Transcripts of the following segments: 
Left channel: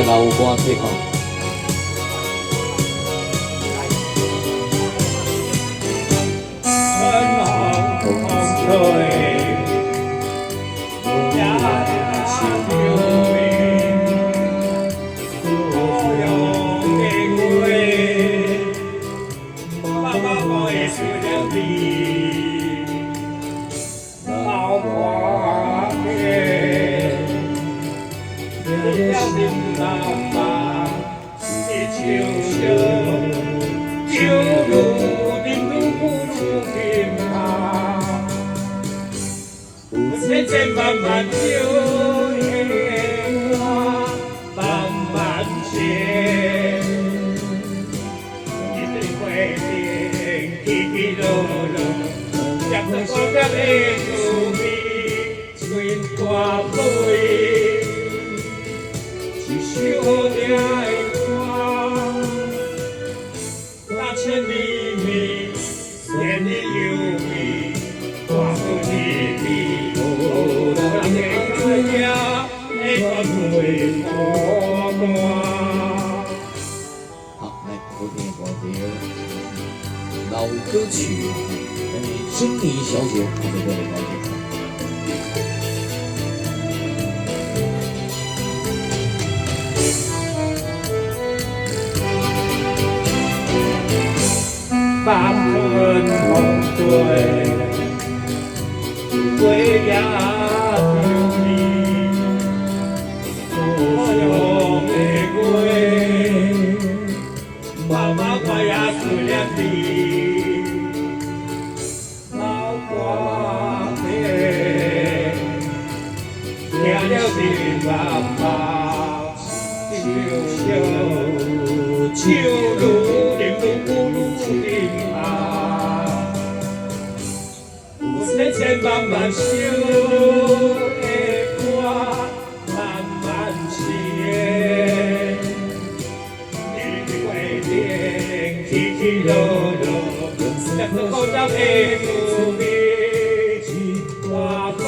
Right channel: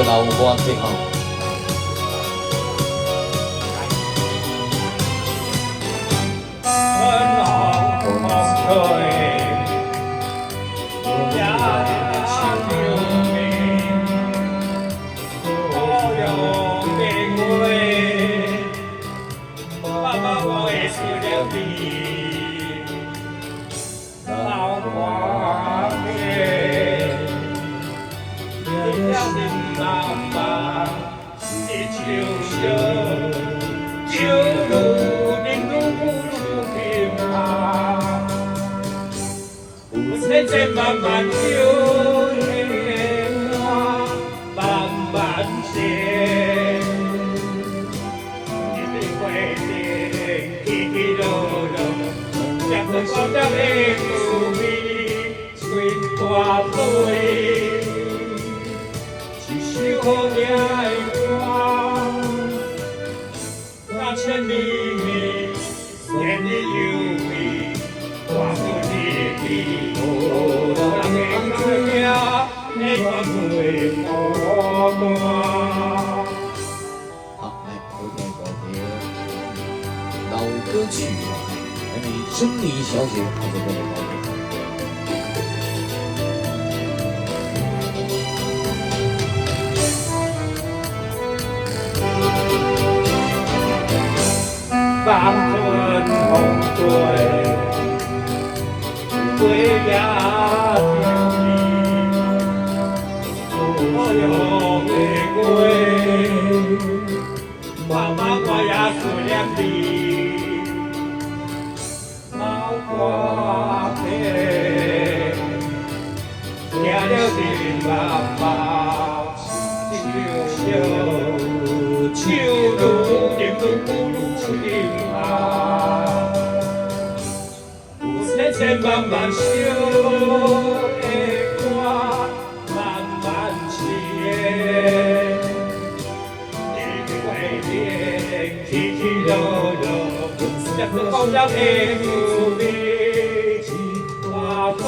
的老歌最好。千千万万酒的花，慢慢谢。一杯花甜，起起落落，两个高粱的滋味，吹大杯，一首好听的歌，那千里美，千里优美，大好甜蜜。好，来，昨天老歌曲，还有珍妮小姐，我们过来来听。感恩红对，对呀。老花田，听着是妈妈手如点啊，千千万万首的歌，慢慢写，起起落落。高粱的滋味，一大杯，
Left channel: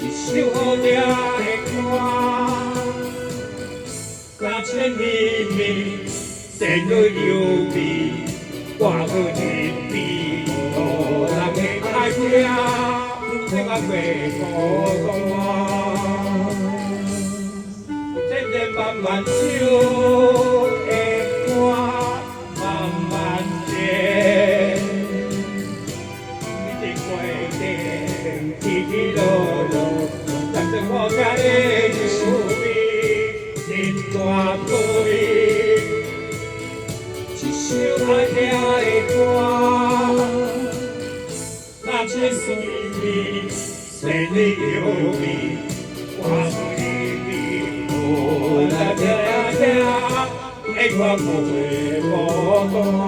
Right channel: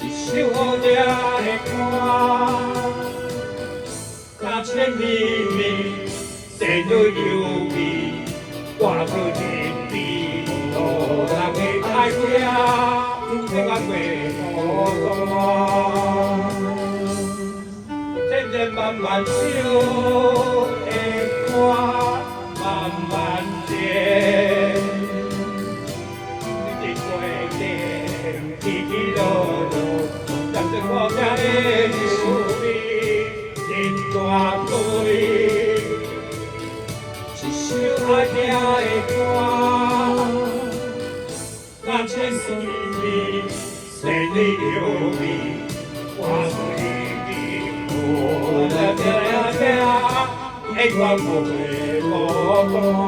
一首好听的歌，那千里美，仙女优美，我好甜蜜，路人的爱听，这个月光，千千万万首。爱听的歌，那千丝美，千里优美，我爱你，我来听听，爱看我的歌。